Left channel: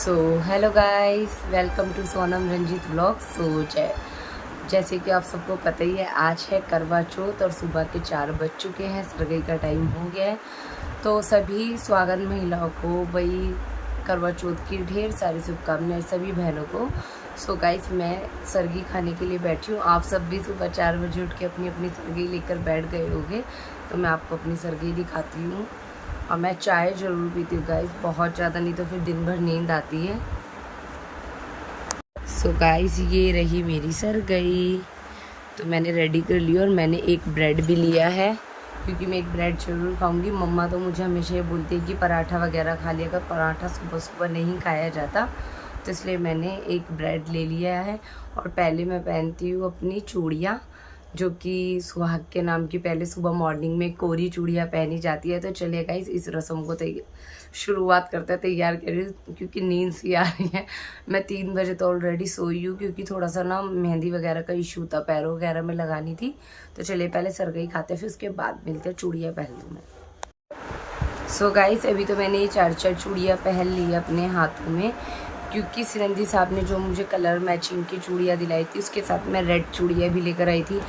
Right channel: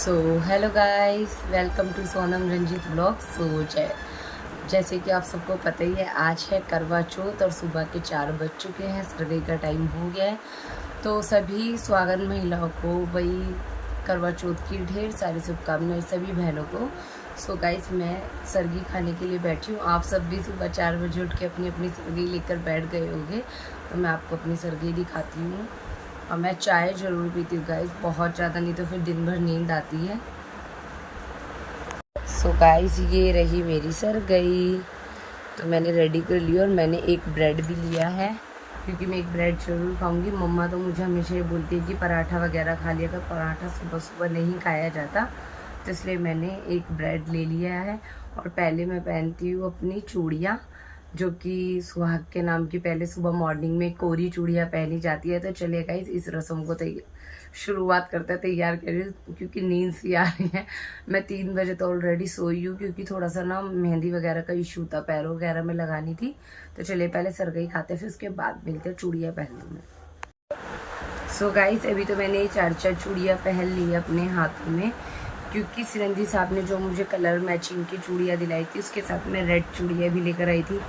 So hello guys, welcome to Sonam Ranjeet blogs. So जैसे कि आप सबको पता ही है, आज है करवा चौथ और सुबह के 4 बज चुके हैं, सरगई का टाइम हो गया है। तो सभी स्वागत महिलाओं को वही करवा चौथ की ढेर सारी शुभकामनाएं सभी बहनों को। सो गाइस, मैं सरगी खाने के लिए बैठी हूँ। आप सब भी सुबह 4 बजे उठ के अपनी अपनी सरगी लेकर बैठ गए होंगे, तो मैं आपको अपनी सरगी दिखाती हूँ। और मैं चाय ज़रूर पीती हूँ गाइस, बहुत ज़्यादा, नहीं तो फिर दिन भर नींद आती है। सो गाइस, ये रही मेरी सरगई, तो मैंने रेडी कर ली और मैंने एक ब्रेड भी लिया है, क्योंकि मैं एक ब्रेड ज़रूर खाऊंगी। मम्मा तो मुझे हमेशा ये बोलती है कि पराठा वगैरह खा लिया कर, पराठा सुबह सुबह नहीं खाया जाता, तो इसलिए मैंने एक ब्रेड ले लिया है। और पहले मैं पहनती हूँ अपनी चूड़ियाँ, जो कि सुहाग के नाम की पहले सुबह मॉर्निंग में कोरी चूड़ियाँ पहनी जाती है। तो चलिए गाइस, इस रस्म को शुरुआत करते हैं, तैयार करिए, क्योंकि नींद सी आ रही है। मैं 3 बजे तो ऑलरेडी सोई हूँ, क्योंकि थोड़ा सा ना मेहंदी वगैरह का इशू था, पैरों वगैरह में लगानी थी। तो चलिए पहले सरगई खाते हैं, फिर उसके बाद मिलते हैं, चूड़ियाँ पहन लूँ मैं। सो गाइस, अभी तो मैंने ये 4 चूड़ियाँ पहन ली अपने हाथों में, क्योंकि सिरंजी साहब ने जो मुझे कलर मैचिंग की चूड़ियाँ दिलाई थी, उसके साथ मैं रेड चूड़ियाँ भी लेकर आई थी,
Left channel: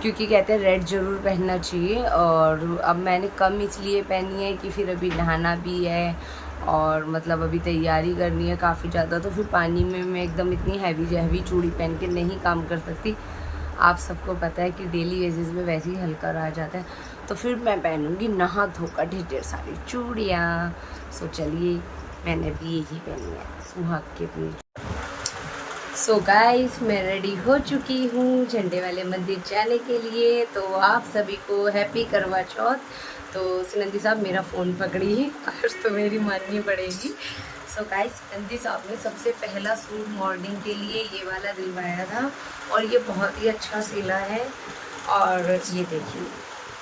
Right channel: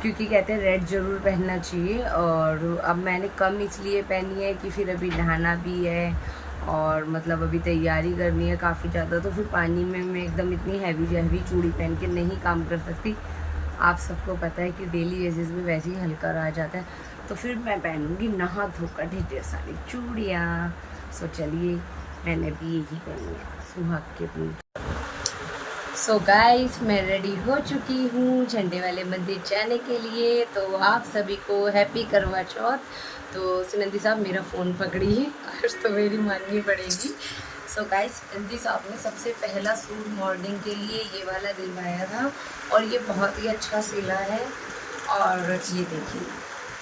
क्योंकि कहते हैं रेड ज़रूर पहनना चाहिए। और अब मैंने कम इसलिए पहनी है कि फिर अभी नहाना भी है, और मतलब अभी तैयारी करनी है काफ़ी ज़्यादा, तो फिर पानी में मैं एकदम इतनी हैवी चूड़ी पहन के नहीं काम कर सकती। आप सबको पता है कि डेली बेसिस में वैसे ही हल्का रह जाता है, तो फिर मैं पहनूँगी नहा धोकर ढेर सारी चूड़ियाँ। सो चलिए, मैंने भी यही पहनी है सुहाग की अपनी। सो गाइस, मैं रेडी हो चुकी हूँ झंडे वाले मंदिर जाने के लिए। तो आप सभी को हैप्पी करवा चौथ। तो सिनंदी साहब मेरा फ़ोन पकड़िए, आज तो मेरी माननी पड़ेगी। सो गाइस, सिनंदी साहब ने सबसे पहला सूट मॉर्निंग के लिए ये वाला दिलवाया था, और ये बहुत ही अच्छा सिला है। और ये देखिए,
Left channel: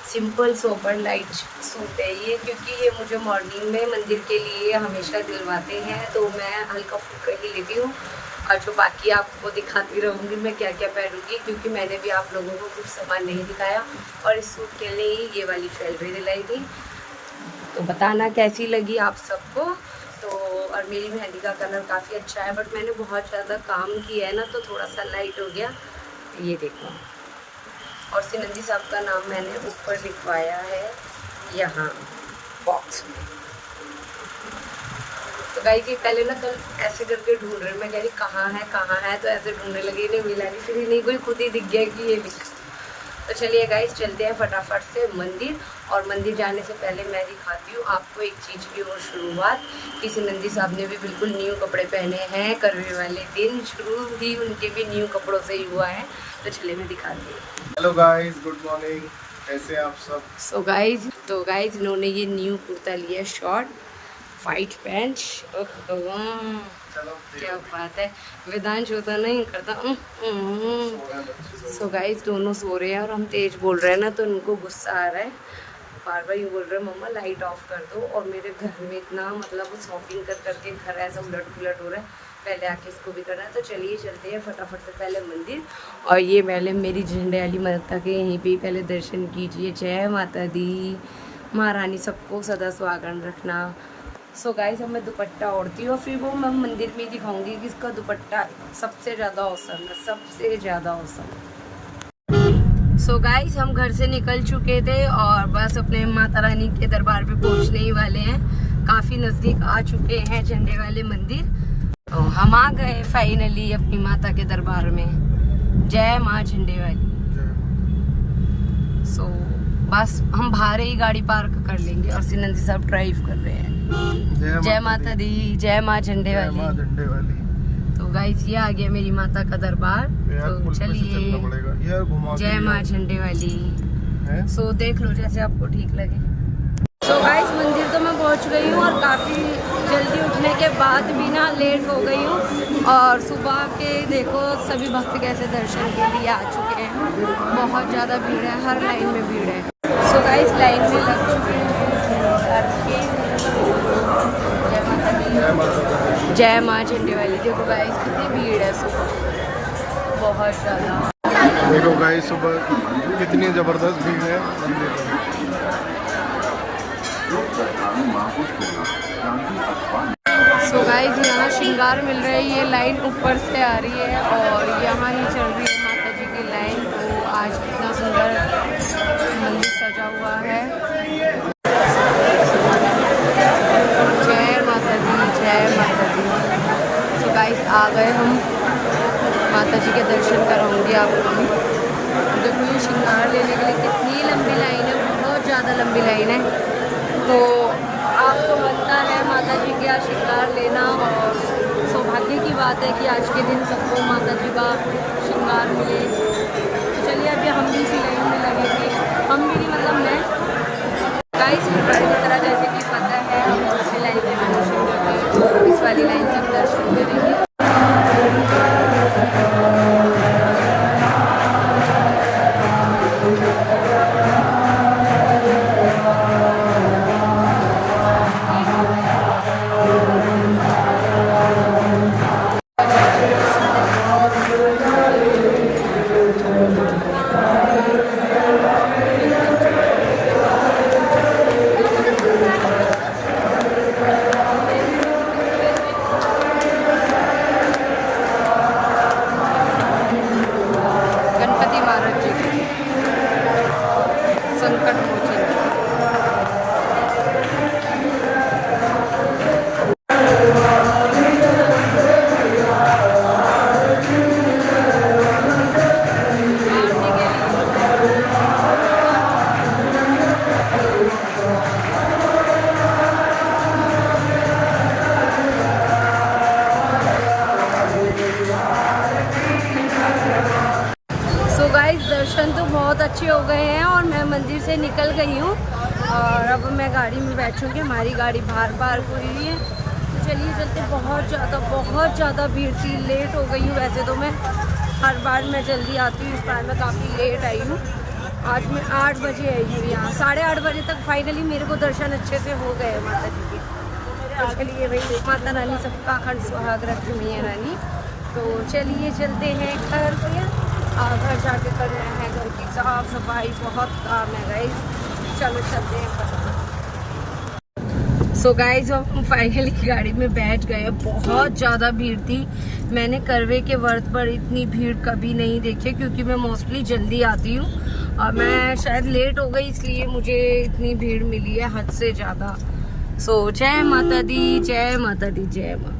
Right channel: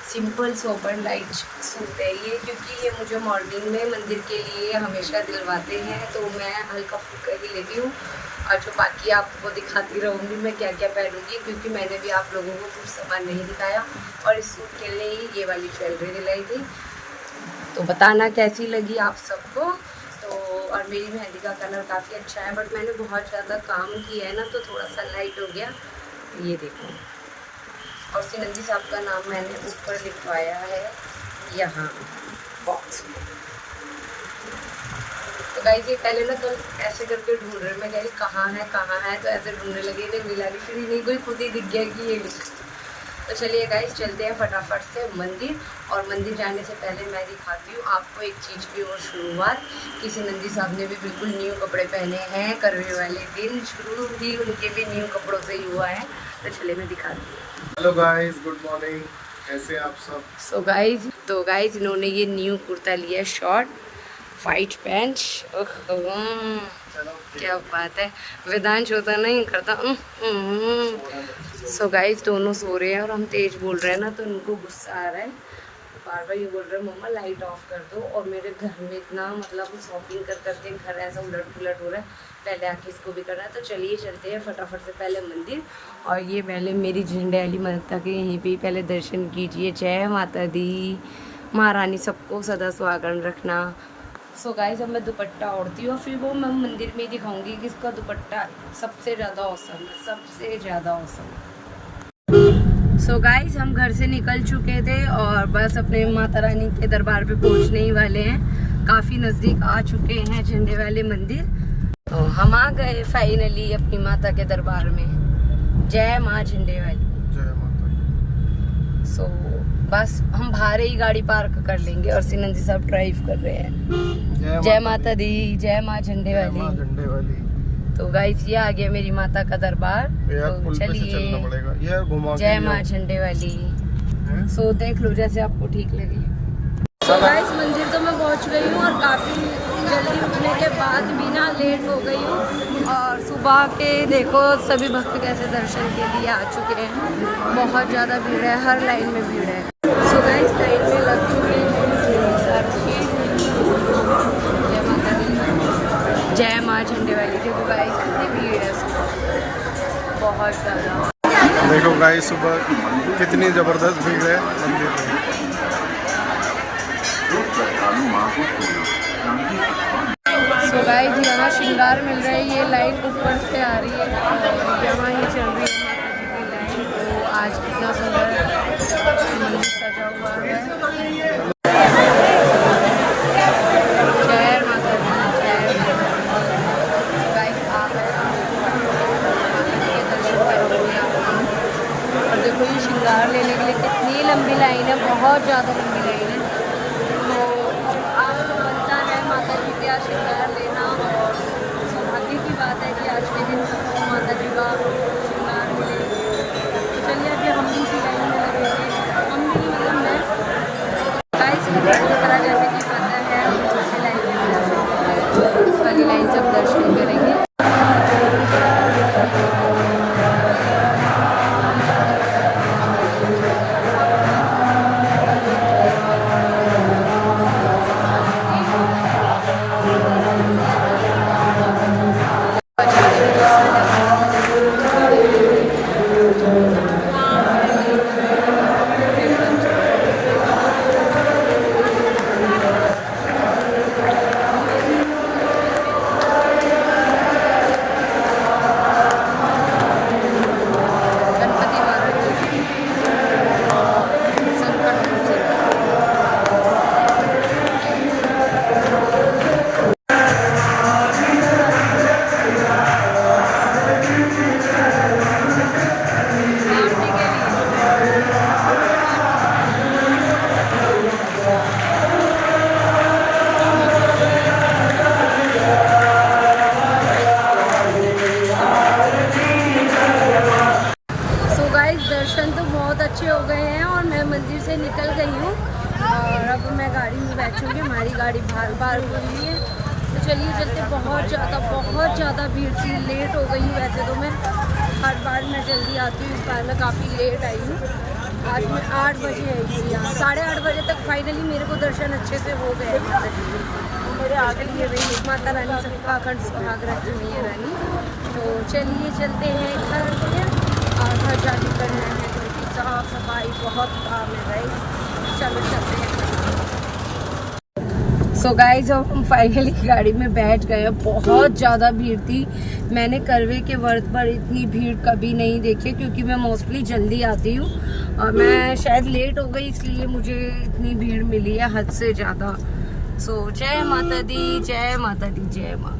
सिंपल सोबर लाइट सूट है ये, क्योंकि ये मुझे मॉर्निंग में मंदिर के लिए हमेशा दिलवाते हैं, तो मैं हल्का फुल्का ही लेती हूँ। और जो बाकी आपको दिखाती रहूँगी मैं क्या क्या पहनूँगी, क्योंकि मैंने भी आप लोगों को कुछ सामान नहीं दिखाया, और इस सूट के लिए ही ये वाली ज्वेलरी दिलाई थी। तो बताना कैसी लगी आप सबको। तो और मेरी मेहंदी का कलर काफ़ी अच्छा है, बट मैंने बहुत ज़्यादा काम किया है ना, तो थोड़ा सा लाइट हो गया। ये देखो, और सिनंदी साहब का नाम मैंने ऊपर लिखवाया है यहाँ बॉक्स में। तो गाइस, ये पहले ना कल ऐसे करके ढूंढ रहे, मैं कह रही कहाँ है, तो ऐसे ढूंढने लगी, इन्हें मिला नहीं, फिर नहीं कोई खुद ही दिख गया कि ये लिख। तो चलिए गाइस, चलते हैं फटाफट से मंदिर। और मंदिर जाने से पहले मैं दिखाती हूँ आपको एक चीज़ की और शुरुआत, कि सिनंदी साहब ने भी बिल्कुल न्यू कपड़े पहने हैं। करवे वाले दिन शुरू भी उनके भी न्यू कपड़ों से ही हुआ है। तो चलिए मैं दिखाती हूँ। हेलो गाइस, गुड मॉर्निंग, कैसे हैं आप सब। सो गाइस, इन्होंने ये न्यू कुर्ता लिया, शॉर्ट वाइट पैंट। क्या बात है, वेदांश होता नहीं करता। सो गाइस, दोनों सो रहे हैं और हम तेज बोल रहे हैं ना, तो उनको गुस्सा आ रहा है, बार बार ये बोल रहे हैं मम्मा लाइट ऑफ कर दो। और मेरे घर में इतना मतलब शॉपिंग कर करके घर ऐसा उलट पुलट हो रहा है, पहले आके इसको भी करना है। तो चलिए चलते हैं फटाफट से पहले मंदिर। और ये पहले मेरी झंडे वाली माता के यहीं पे पहले दर्शन कीजिए। जय माता दी, महारानी सबको सदा स्वागत रखना। सो गाइस, अब मैं दुपट्टा ओढ़ती हूँ, और फिर वो मैं मंदिर में ही दिखाऊंगी कि इसका दुपट्टा सबसे ज़्यादा औसम है, सबसे ज़्यादा औसम। सो गाइस, हम घर से निकल चुके थे और बस अपने माता रानी के दरबार पे पहुंचने ही वाले हैं। काफ़ी नज़दीक आ चुके हैं झंडे वाले मंदिर। तो हम आ गए फाइनली अपनी माता के दरबार में। जय माँ झंडे वाली। सो बस हम बाहर ही गाड़ी पार्क कर लेंगे, और सिनंदी साहब ड्राइव कर रहे हैं। जय माता दी, जय माँ झंडे वाली। तो गाइस, ये आ गया मेरी माता का दरबार। तो चलिए, जय माँ झंडे वाली। सो देख लो जैसे आपको ठीक लगे। सो गाइस मंदिर तो मैं पहुंच गई हूँ और काफ़ी जल्दी उठने के बाद भी ना लेट हो गई हूँ। और सुबह के देखो सभी भक्त कैसे दर्शन के लिए आ चुके हैं। बहुत ज़्यादा भीड़ है, हर लाइन में भीड़ है। सो गाइस लाइन में लग चुके हैं। जय माता दी, जय माँ झंडे वाली। देखो गाइस कितनी भीड़ है सुबह, बहुत ज़्यादा। देखो गाइस सुबह कितनी ज़बरदस्त भीड़ है मंदिर में। सो गाइस यहाँ श्रृंगार मिल रहा है, ये लाइन ऊपर से आ रही है और यहाँ ही चल रही है माता जी की लाइन। तो आज कितना सुंदर मंदिर सजा हुआ है। जय माता दी, जय माता दी। सो गाइस आ गए हम, माता जी के दर्शन कराऊंगी आपको भी। और देखो ये श्रृंगार लेने में कितनी लंबी लाइन है, बहुत ज़्यादा लंबी लाइन है। तो आपको बनता है माता जी के यहाँ श्रृंगार लेना और सौभाग्य की बात है कि आज के दिन सबको माता जी का श्रृंगार मिले। तो चलिए अभी हम भी इसी लाइन में लगेंगे। हम भी नहीं मतलब मैं गाइस हर बार की तरह जैसे कि पता है हम दूसरी लाइन से भी दर्शन करते हैं, तो इस वाली लाइन से दर्शन करेंगे। गणपति महाराज जी संकट मोचन। सो गाइस दर्शन तो बहुत अच्छे हो गए हैं और मैं मंदिर से निकल गई हूँ और अब मैं गाड़ी में बैठूँगी। हमारी गाड़ी बाहर पार्क हुई है, तो चलिए चलते। बहुत ज़्यादा भीड़ थी, लेट हो गई हूँ। वैसे तो मैं हर बार मैं जल्दी आती हूँ, इस बार मैं काफ़ी लेट आई हूँ। आज मैं 8 बजे आई हूँ यहाँ, 8:30 बजे तक फाइनली मेरे को दर्शन अच्छे से हो गए माता जी के। तो चलिए भाई, माता रानी सबका अखंड सुहाग रखे मैया रानी। तो चलिए चलते हैं घर पे। घर जाके करना है घर की साफ सफाई, बहुत काम है गाइस। चलो चलते हैं। सो गाइस अब हम फाइनली गाड़ी में बैठ गए। बहुत ज़्यादा भीड़ थी, मैंने करवे के व्रत पर इतनी भीड़ कभी नहीं देखी, क्योंकि मैं मोस्टली जल्दी आती हूँ और मैं शायद लेट हो गई इसलिए मुझे इतनी भीड़ मिली है हद से ज़्यादा। सो जय माता दी, जय माता दी, जय माँ।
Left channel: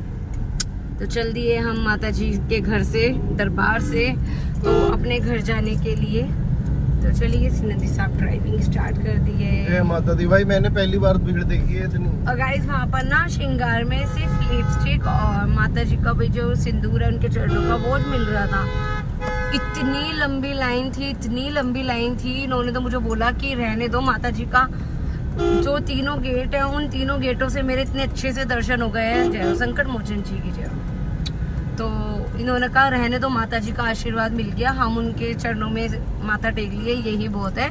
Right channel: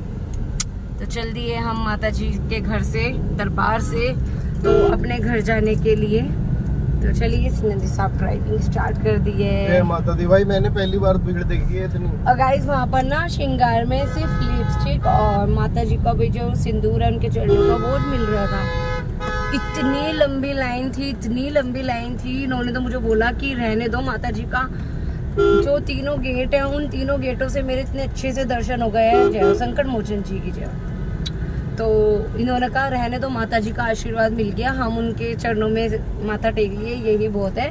तो चल दिए हम माता जी के घर से, दरबार से, तो अपने घर जाने के लिए। तो चलिए सिनंदी साहब ड्राइविंग स्टार्ट कर दी है। जय माता दी। भाई मैंने पहली बार भीड़ देखी है इतनी। और गाइस वहाँ पर ना श्रृंगार में सिर्फ लिपस्टिक और माता जी का भी जो सिंदूर है उनके चरणों का वो मिल रहा था। इतनी लंबी लाइन थी, इतनी लंबी लाइन थी। इन्होंने तो मुझे बोला कि रहने दो, माता जी का जो 3 गेट है उन 3 गेटों से मेरे इतने अच्छे से दर्शन हो गए हैं। जय हो संकट मोचन जी की जय। तो इन्होंने कहा रहने दो, माता जी का आशीर्वाद मिल गया, हम उनके चरणों में माथा टेक लिए, यही बहुत है।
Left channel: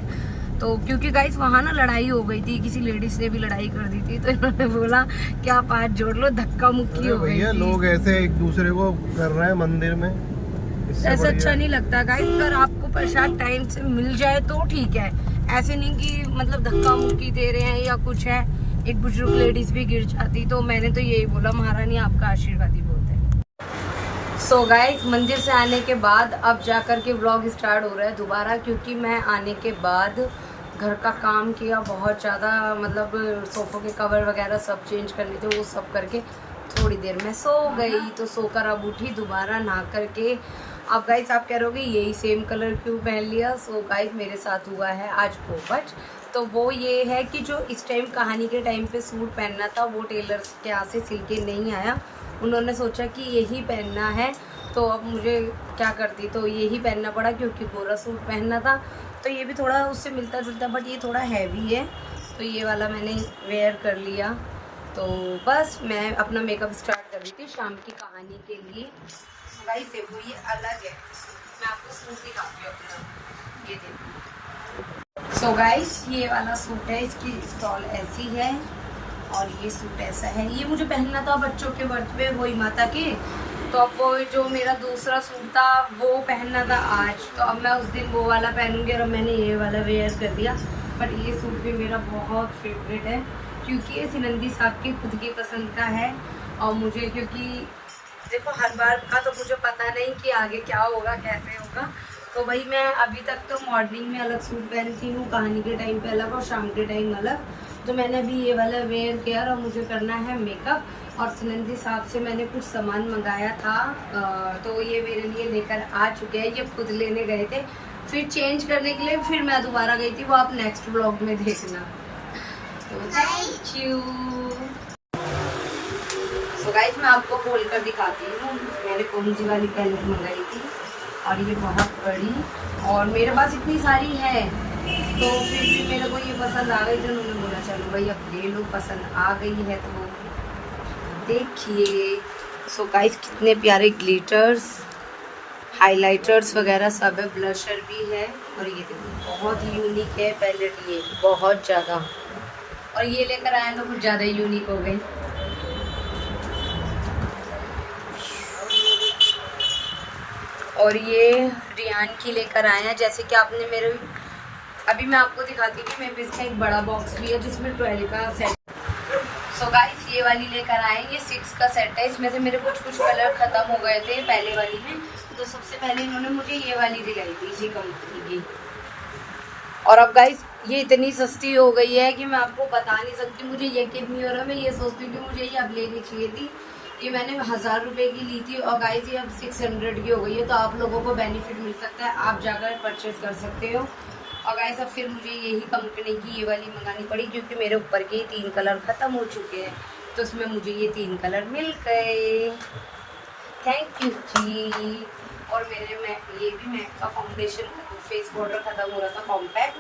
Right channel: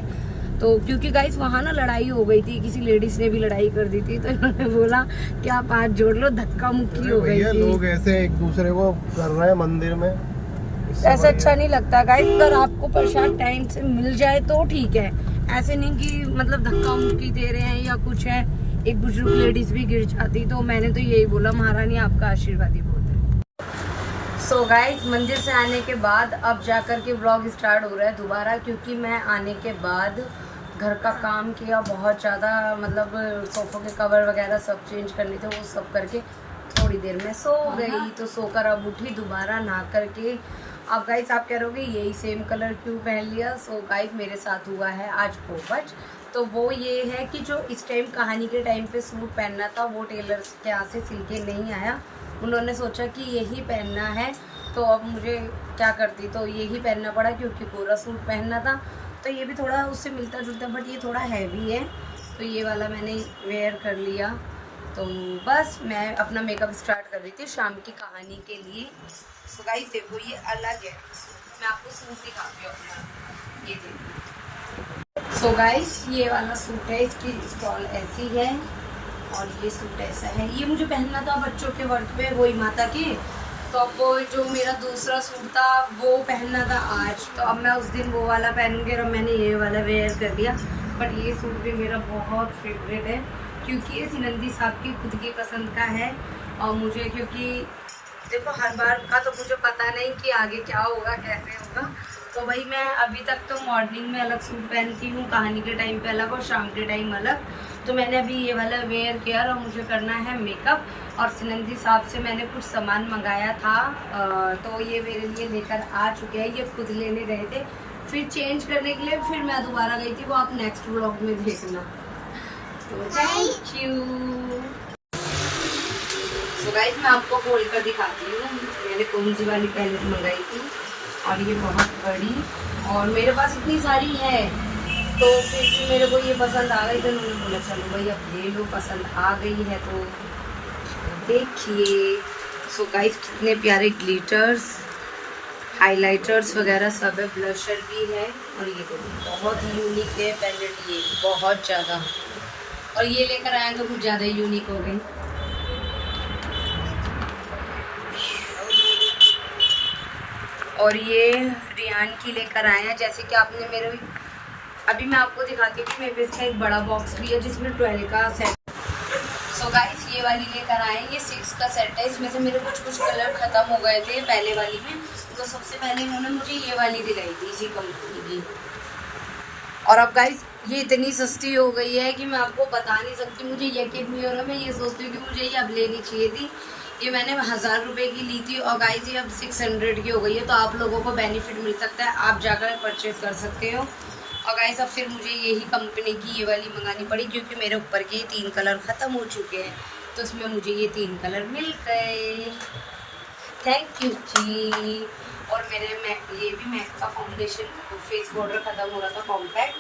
तो क्योंकि गाइस वहाँ ना लड़ाई हो गई थी, किसी लेडीज ने भी लड़ाई कर दी थी, तो इन्होंने बोला कि आप हाथ जोड़ लो, धक्का मुक्की हो गई थी। लोग ऐसे एक दूसरे को कर रहे हैं मंदिर में, ऐसा अच्छा नहीं लगता गाइस। अगर आपको प्रसाद टाइम से मिल जाए तो ठीक है, ऐसे नहीं कि मतलब धक्का मुक्की दे रहे हैं या कुछ है। एक बुजुर्ग लेडीज भी गिर जाती, तो मैंने तो यही बोला महारानी आपका आशीर्वाद ही बहुत है। सो गाइस मंदिर से आने के बाद अब जाकर के व्लॉग स्टार्ट हो रहा है दोबारा, क्योंकि मैं आने के बाद घर का काम किया बहुत ज़्यादा, मतलब सोफ़ों के कवर वगैरह सब चेंज करने थे, वो सब करके थोड़ी देर में सो गई। तो सोकर अब उठी दोबारा नहा करके। अब गाइस आप कह रहोगे यही सेम कलर क्यों पहन लिया। सो गाइस मेरे साथ हुआ है आज पोपट। तो वो ये है कि जो इस टाइम कहानी के टाइम पे सूट पहनना था वो टेलर के यहाँ से सिल के नहीं आया। उन्होंने सोचा कि यही पहनना है, तो अब मुझे क्या करती, तो यही पहनना पड़ा क्योंकि पूरा सूट पहनना था। तो ये भी थोड़ा उससे मिलता जुलता, बट ये थोड़ा हैवी है तो ये वाला मैंने वेयर कर लिया। तो बस मैं अपना मेकअप स्टार्ट कर रही थी शाम की कहानी के लिए। तो गाइस देखो ये अलग है, मैं आपको सूट दिखाती हूँ अपना, ये देखो। सो गाइस ये वाला सूट है, इसकी स्टॉल ऐसी है और ये सूट ऐसा है। ये मुझे पहनना था बच्चों के वर्थ पे वही माता के, तो अब वो जो मेरा दूसरा सूट था वो पहनना था आज, तो अब मैं उस दिन वो वाला पहनूंगी और मैंने ये वाला वेयर कर दिया। बट ये सूट भी मेरा बहुत फेवरेट है क्योंकि ये सिनंदी साहब की खुद की पसंद का है। और मुझे क्योंकि देखो हर बार का तो मुझे पता नहीं कि आगे क्या होगा कैसे होगा, तो भाई मैं अभी तक तो मॉर्निंग में अलग सूट पहनती हूँ, कहानी के टाइम पे अलग और शाम के टाइम अलग। तो मैंने अभी ये वाला वेयर किया और मुझे करना है मेकअप। और सिनंदी साहब से मैंने कुछ सामान मंगाया था, तो ये मेरे लिए लेकर आ चुके हैं। ये खुद लेने गए थे, फिर चेंज करने के लिए फिर मैं दोबारा गई थी, वो आप नेक्स्ट व्लॉग में देखना। तो थैंक यू। सो गाइस मैं आपको खोल कर दिखाती हूँ, मैंने कौन सी वाली पैलेट मंगाई थी और ये बहुत बड़ी, और मेरे पास इतनी सारी है तो फिर भी मेरे को ये पसंद आ गई, तो उन्होंने बोला चलो भाई अब ले लो, पसंद आ गई है तो देखिए। सो गाइस कितने प्यारे ग्लिटर्स, हाइलाइटर्स वगैरह सब है, ब्लशर भी है। और ये तो बहुत यूनिक है पैलेट, ये बहुत ज़्यादा, और ये लेकर आए तो कुछ ज़्यादा यूनिक हो गई। और ये रियान की लेकर आए हैं, जैसे कि आपने मेरे अभी मैं आपको दिखाती हूँ कि मेरे पास एक बड़ा बॉक्स भी है जिसमें 12 का सेट। सो गाइस ये वाली लेकर आए, ये 6 का सेट है। इसमें से मेरे कुछ कलर ख़त्म हो गए थे पहले वाली में, तो सबसे पहले इन्होंने मुझे ये वाली दिलाई थी इसी कंपनी की। और अब गाइस ये इतनी सस्ती हो गई है कि मैं आपको बता नहीं सकती, मुझे यकीन नहीं हो रहा। मैं ये सोचती हूँ कि मुझे ये अब लेनी चाहिए थी। ये मैंने 1000 रुपये की ली थी और गाइस ये अब 600 की हो गई है, तो आप लोगों को बेनिफिट मिल सकता है, आप जाकर परचेज कर सकते हो। और गाइस अब फिर मुझे यही कंपनी की ये वाली मंगानी पड़ी क्योंकि मेरे ऊपर के 3 कलर ख़त्म हो चुके हैं, तो उसमें मुझे ये 3 कलर मिल गए। थैंक यू जी। और मेरे ये भी मैक का फाउंडेशन तो फेस पाउडर ख़त्म हो रहा था कॉम्पैक्ट,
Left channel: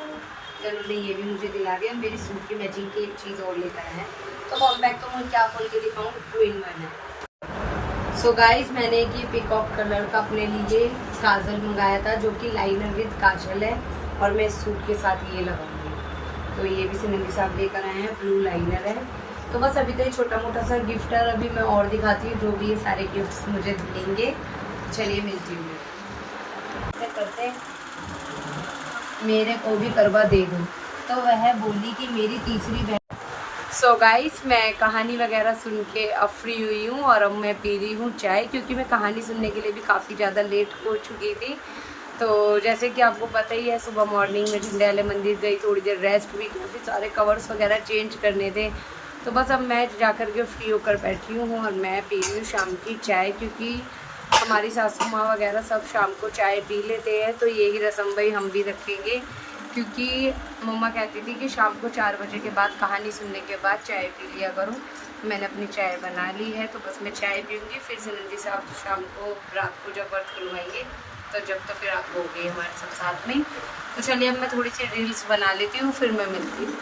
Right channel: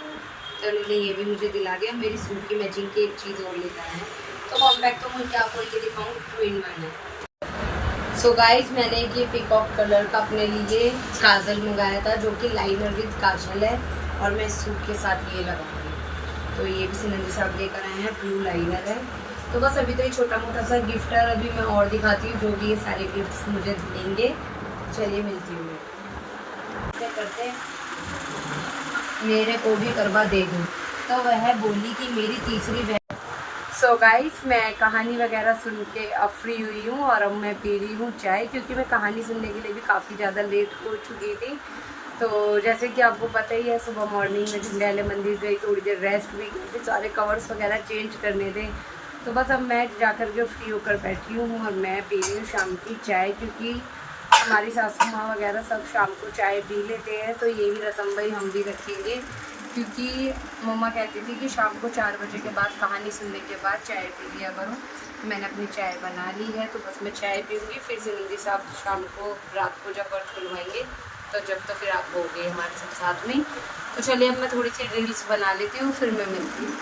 तो उन्होंने ये भी मुझे दिला दिया। मेरी सूट की मैचिंग की एक चीज़ और लेकर आए हैं, तो कॉम्पैक्ट तो मुझे क्या खोल के दिखाऊँ, 2-in-1 है। सो गाइस मैंने एक ये पिकॉक कलर का अपने लिए काजल मंगाया था जो कि लाइनर विद काजल है, और मैं इस सूट के साथ ये लगाऊंगी। तो ये भी सिनंदी साहब लेकर आए हैं, ब्लू लाइनर है। तो बस अभी तो ये छोटा मोटा सा गिफ्ट है, अभी मैं और दिखाती हूँ जो भी ये सारे गिफ्ट्स मुझे देंगे। चलिए मिलती हूँ मैं करते मेरे को भी करवा दे दूँ, तो वह बोली कि मेरी तीसरी बहन। सो गाइस मैं कहानी वगैरह सुन के अब फ्री हुई हूँ और अब मैं पी रही हूँ चाय, क्योंकि मैं कहानी सुनने के लिए भी काफ़ी ज़्यादा लेट हो चुकी थी। तो जैसे कि आपको पता ही है, सुबह मॉर्निंग में झंडेवाले मंदिर गई, थोड़ी देर रेस्ट भी किया, फिर सारे कवर्स वगैरह चेंज करने थे। तो बस अब मैं जाकर के फ्री होकर बैठी हूँ और मैं पी रही हूँ शाम की चाय, क्योंकि हमारी सासू माँ वगैरह सब शाम को चाय पी लेते हैं, तो यही रस्म भाई हम भी रखेंगे। क्योंकि मम्मा कहती थी कि शाम को 4 बजे के बाद कहानी सुनने के बाद चाय पी लिया करूँ। मैंने अपनी चाय बना ली है, तो बस मैं चाय पीऊँगी, फिर सिनंदी साहब शाम को रात को जब व्रत खुलवाएंगे तो जब तो फिर आप हो गए हमारे सब साथ में। तो चलिए अब मैं थोड़ी सी रील्स बना लेती हूँ, फिर मैं मिलती हूँ।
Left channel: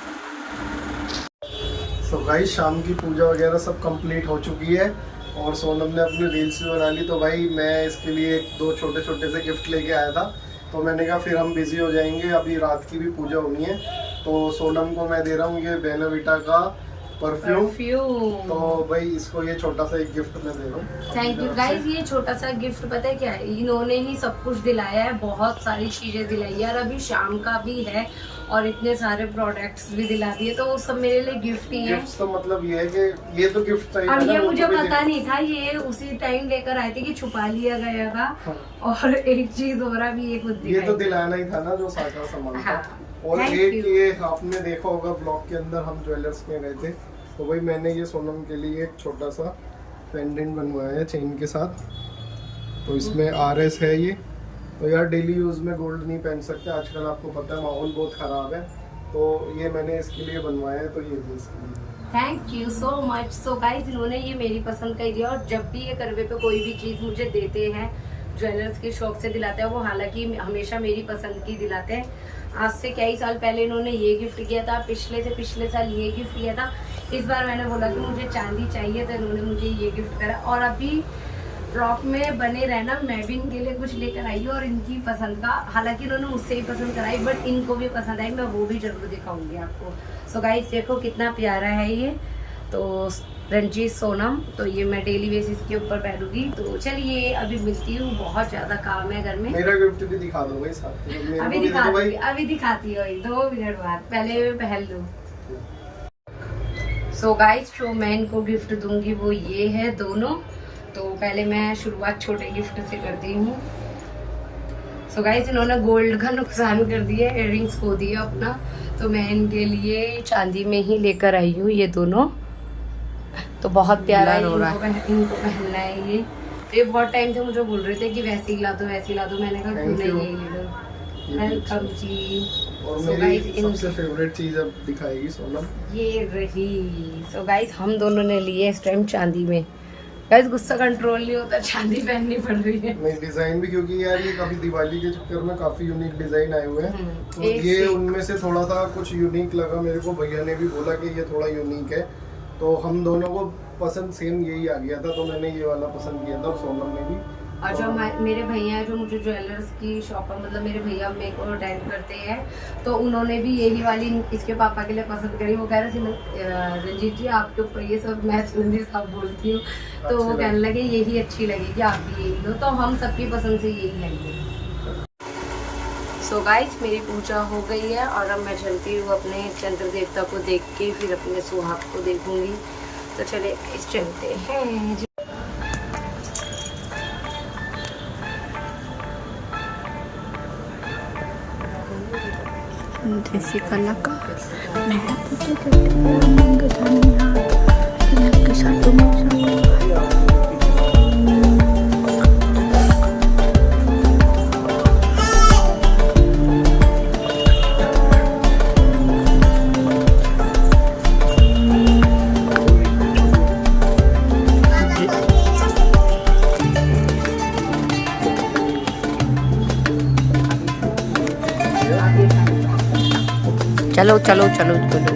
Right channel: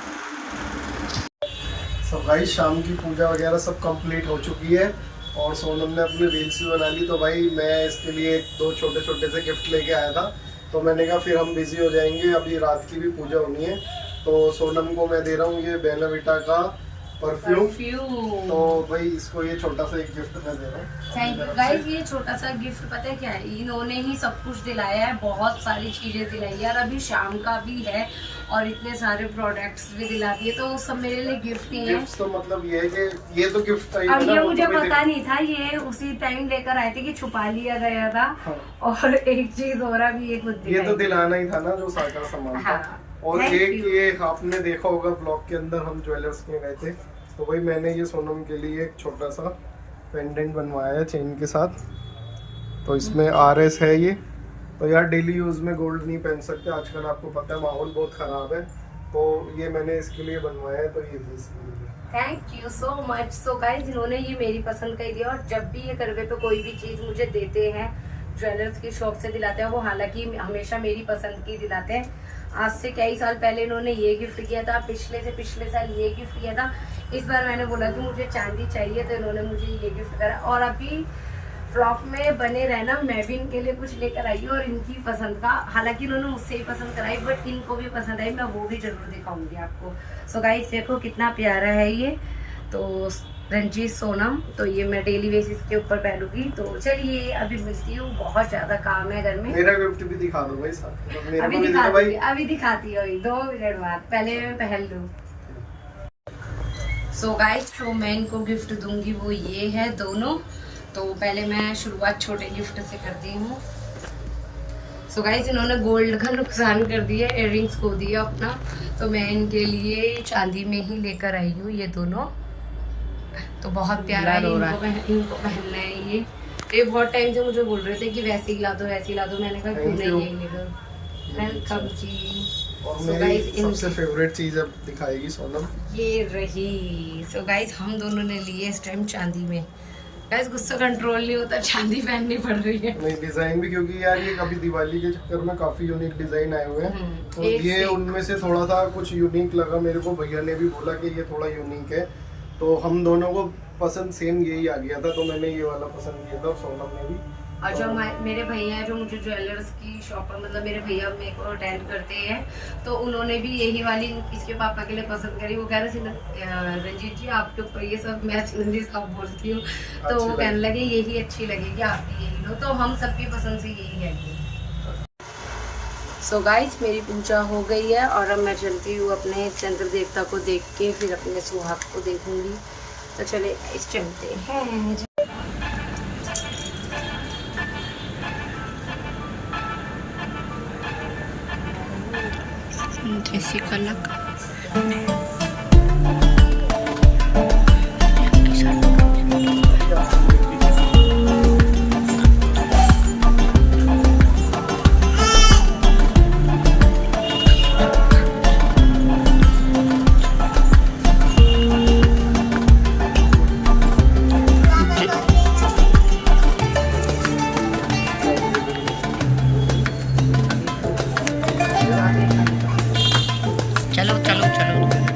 सो गाइस शाम की पूजा वगैरह सब कंप्लीट हो चुकी है और सोनम ने अपनी रील्स भी बना ली। तो भाई मैं इसके लिए 2 छोटे छोटे से गिफ्ट लेके आया था, तो मैंने कहा फिर हम बिजी हो जाएंगे, अभी रात की भी पूजा होनी है। तो सोनम को मैं दे रहा हूँ ये बेला विटा का परफ्यूम। तो भाई इसको ये छोटा सा एक गिफ्ट मैं दे रहा हूँ। Thank you guys. ये छोटा सा गिफ्ट पता है क्या है, इन्होंने ही सब कुछ दिलाया है, बहुत सारी चीजें दिलाई यार। अभी शाम का भी है और इतने सारे प्रोडक्ट्स भी दिला दिए, तो सब मेरे लिए गिफ्ट ही है। गिफ्ट तो मतलब ये है कि ये तो गिफ्ट था ही, और ये मुझे पता नहीं था, ये उसी टाइम लेकर आए थे कि छुपा लिया गया था। हाँ। और एक चीज और भी ये खुद ये तो दिलाना ही था ना जो सारा सामान था। और एक ये आपने देखा होगा ब्लॉग के अंदर हम ज्वेलर्स के गए थे, तो वही मैंने ये सोनम के लिए एक छोटा सा पेंडेंट बनवाया है चेन के साथ। तो इसमें RS है ये। तो यार डेली यूज में गोल्ड नहीं पहन सकते आजकल, आपको पता है माहौल बहुत खराब है, तो ये मैंने इसके लिए बनवाया है। तो ये भी इसके लिए। Thank you so much. So guys इन्होंने ये मेरी पसंद का ही दिया, और जब भी ये करवे पे कोई भी चीज मुझे देते हैं ज्वेलर्स की शॉप से दिलाते हैं, वो हालांकि हमेशा मेरी पसंद की दिलाते हैं। आज से कई साल पहले इन्होंने ये गिफ्ट किया था, पिछले से पिछले साल ये गिफ्ट किया था। इस बार मैंने बोला कि मुझे चांदी चाहिए, तो इन्होंने मुझे ये गिफ्ट करा। और अभी ब्लॉग में बने रहना, मैं भी इनके लिए कुछ लेकर आई हूँ और इनकी पसंद का, हालांकि इन्होंने मुझसे ही पसंद कराई बट इनको भी पसंद आई, मैं वो भी जरूर दिखाऊंगी आपको। सो गाइस देखो कितना प्यारा है ये, तो रंजीत सोनम, तो ये मैं डेली बेसिस के ऊपर पहनूंगी। तो चलिए अभी मिलती हूँ, बहुत ज्यादा काम है घर में। मेरा गिफ्ट भी दिखा दो भाई साथ में। अभी दिखा दूंगी, अभी दिखाती हूँ 2 मिनट बाद, पहले मैं पहन लूँ। सो गाइस जो मैं इनको गिफ्ट दूंगी वो ये है दोनों। तो पहले मैं शुरुआत छोटे गिफ्ट से करती हूँ। सो गाइस इन्होंने गोल्ड का नुकसान कर दिया, इयररिंग्स खो दिया अपना, तो मैं इनके लिए चांदी में ही लेकर आई हूँ ये दोनों। तो बहुत प्यारा है, इनको पहनना है ये बहुत टाइम से मुझे बोल रहे थे कि वैसी ला दो वैसी ला दो, मैंने कहा क्यों नहीं यही ले लो। वेलकम जी। और मेरी सबसे फेवरेट चीज अब दिखाएगी सोनम, ये रही। सो गाइस हम दोनों ने लिए इस टाइम चांदी में। गाइस गुस्सा कंट्रोल नहीं होता, चांदी पहननी पड़ रही है। नहीं डिजाइन भी, क्योंकि यार ये कभी दिवाली के चक्कर में काफी यूनिक डिजाइन आए हुए हैं, तो ये उनमें से थोड़ा सा कुछ यूनिक लगा मेरे को। भैया ने भी बोला कि ये थोड़ा यूनिक है, तो हम दोनों को पसंद सेम यही आ गया था, तो मैंने ये वाला पसंद किया था और सोनम ने भी। और जो मेरे भैया हैं जो मुझे ज्वेलर्स की शॉप पर, मतलब मेरे भैया मेरे को अटेंड करते हैं, तो उन्होंने भी यही वाली इसके पापा के लिए पसंद करी। वो कह रहे रंजीत जी आपके ऊपर ये सब, मैं सुनंदी साहब बोलती हूँ, तो वो कहने लगे यही अच्छी लगेगी, आप भी यही लो। तो हम सबकी पसंद से यही आई है। सो गाइस मेरी पूजा हो गई है और अब मैं चलती हूँ अपने चंद्र देवता को देख के, फिर अपने सुहाग को देखूंगी। तो चले इस चलते हैं। जैसी कला का चलो चलो चलो चलो।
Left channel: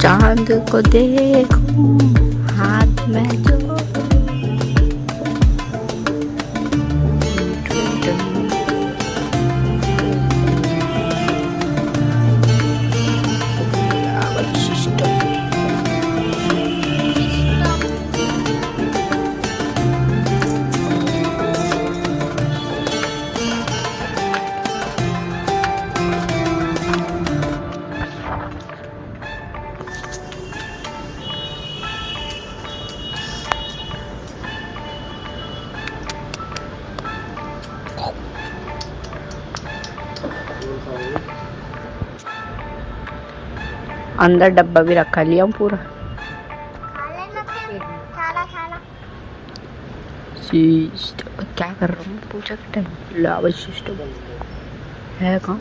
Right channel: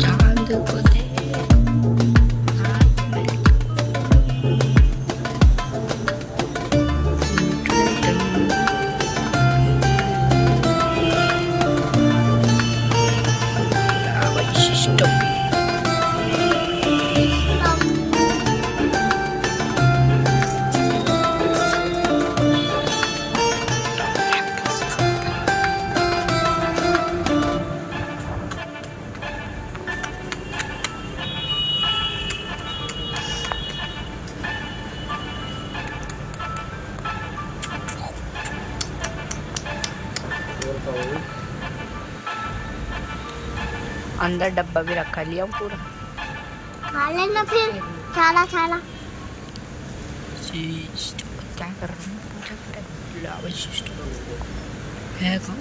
चांद को देखो हाथ में अंदर डब्बा भी रखा लिया हूँ पूरा। क्या कर रहा हूँ पूछा है कहाँ?